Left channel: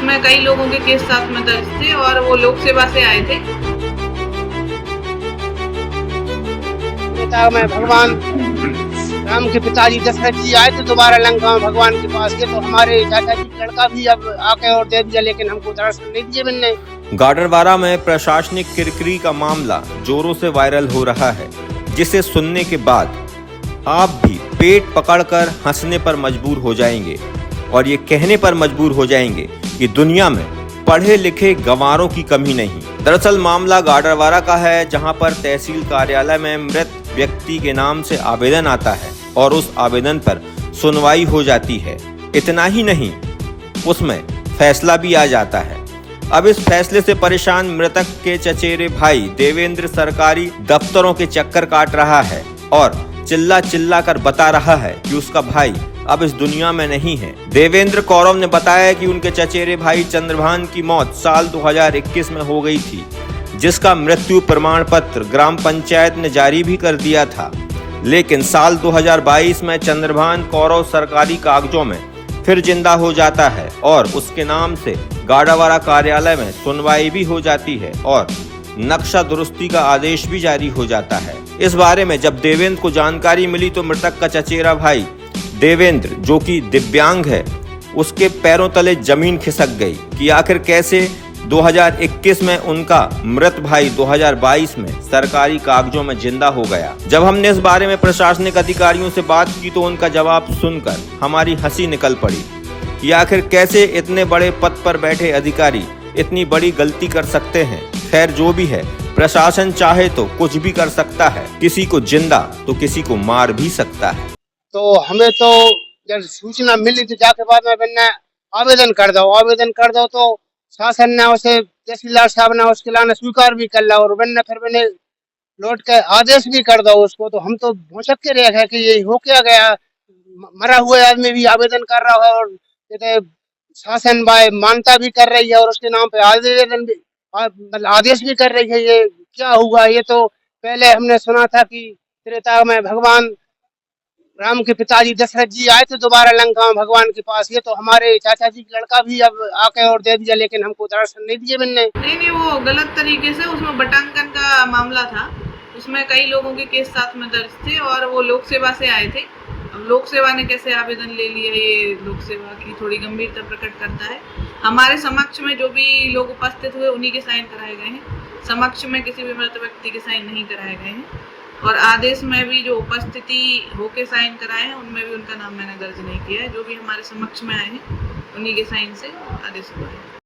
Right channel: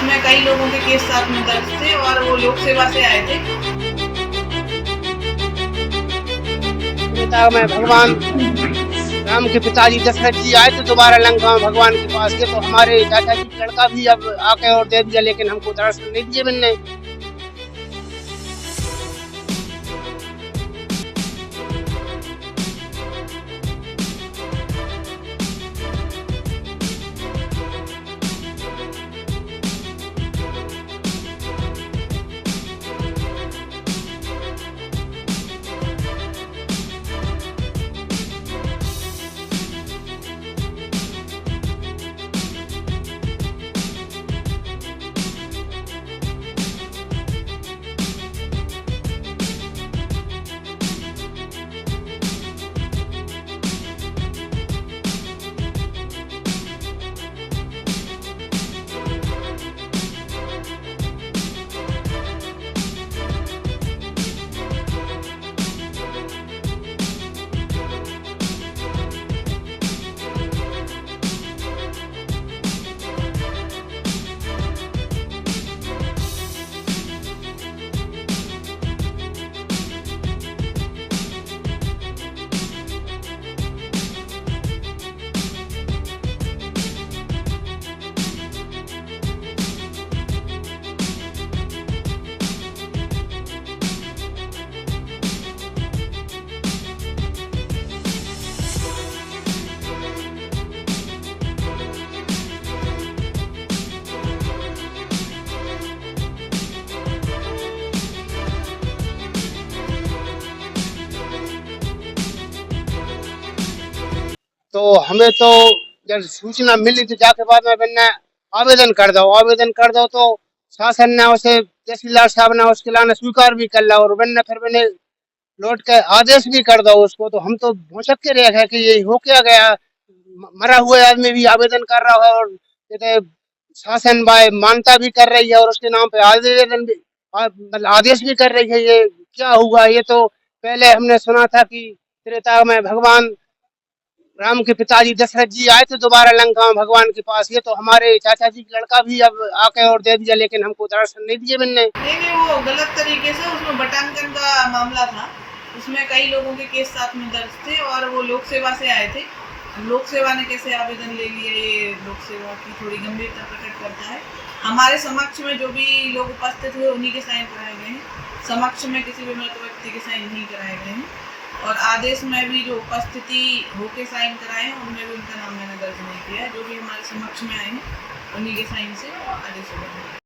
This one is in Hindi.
उसमें कई लोगों के केस साथ में दर्ज थे और वो लोक सेवा से आए थे। में भगवान राम के पिताजी दशरथ जी आए थे दोबारा लंका में भगवान के पास। ये तो हमारे चाचा जी का लड़का भी अब आके और दे दिया, लेकिन हमको दर्शन नहीं दिए मिलने। गाडरवारा में प्रशासनिक किरकिरी का मामला जोरों से वायरल हो रहा है, जिसे सुनने के बाद आप भी पेट पकड़कर हंसने पर मजबूर हो जाएंगे और ये कहने पर मजबूर हो जाएंगे कि दुनिया में पढ़े लिखे गंवारों की कमी नहीं। दरअसल मामला गाडरवारा का है, जहां पर तहसील कार्यालय में मृत व्यक्ति के नाम से आवेदन आता है और उस आवेदन पर सुनवाई हो जाती है। इतना ही नहीं, उसमें फैसला भी आ जाता है। अब इस फैसले से परेशान मृतक के चचेरे भाई देवेंद्र सरकारी दफ्तरों के चक्कर काट रहा है और चिल्ला चिल्ला कर बता रहा है कि उसका भाई अब इस दुनिया में नहीं है। देवेंद्र कौरव ने बताया कि उनके चचेरे भाई चंद्रभान की मौत साल 2021 में हो गई थी, जिसका मृत्यु प्रमाण पत्र ग्राम पंचायत ने जारी भी कर दिया था। लेकिन साल 2022 में चंद्रभान कौरव सरकारी कागजों में फिर जिंदा हो जाता है और उसके नाम से गाडरवारा कार्यालय में सुनवाई भी हो जाती है और नक्शा दुरुस्ती का आदेश भी जारी हो जाता है। इस बारे में जब देवेंद्र को जानकारी मिली तो मृतक का चचेरा भाई देवेंद्र, जो कि दिव्यांग है, उसके पैरों तले जमीन खिसक गई कि आखिर कैसे 2021 में उनका मृत भाई 2022 में सरकारी कागजों में जिंदा हो गया। जब हमने इस बारे में प्रशासनिक अधिकारियों से बात की तो उनका जवाब सुनकर हमारी हंसी निकल पड़ी कि आखिर कैसे इतने बड़े पद पर बैठे अधिकारी इतनी बड़ी गलती कर सकते हैं। खैर, जो भी है, प्रशासन चाहे तो कुछ भी कर सकता है, किसी को जिंदा तो किसी को मार भी सकता है। तो हमें तो जब सूचना मिली तो जाके बाद में मैंने आवेदन कर दो तो शासन ने उसे तहसीलदार साहब ने उसके लाने स्वीकार भी कर लिया और मैंने लौट के आदेश भी कर दो उसको। तो हम तो भौचक के रह गए कि ये हो क्या गया, मरा हुआ आदमी भी आवेदन कर रहा है और शासन मान्यता भी कर रही है और उसके नाम पे आवेदन भी आदेश भी कर रही है। ये क्या हुआ? ये तो पहले हमने सुना था कि त्रेता में भगवान राम के पिताजी दशरथ जी आए थे दोबारा लंका में भगवान के पास। ये तो हमारे चाचा जी का लड़का भी अब आके और दे दिया, लेकिन हमको दर्शन नहीं दिए मिलने। नहीं, वो गलत तरीके से उसमें बटांकन का मामला था। उसमें कई लोगों के केस साथ में दर्ज थे और वो लोक सेवा से आए थे। अब लोक सेवा ने कैसे आवेदन ले लिया, ये लोक सेवा की थोड़ी गंभीरता प्रकट करता है। हमारे समक्ष में जो भी लोग उपस्थित हुए उन्हीं के साइन कराए गए हैं। समक्ष में किसी भी मृत व्यक्ति के साइन नहीं कराए गए हैं और आदेश में भी जो उपस्थिति होके साइन कराए हैं उनमें भी उनका नाम मैंने दर्ज नहीं किया है। जो भी हमारे समक्ष में आए हैं उन्हीं के साइन से आदेश हुआ है।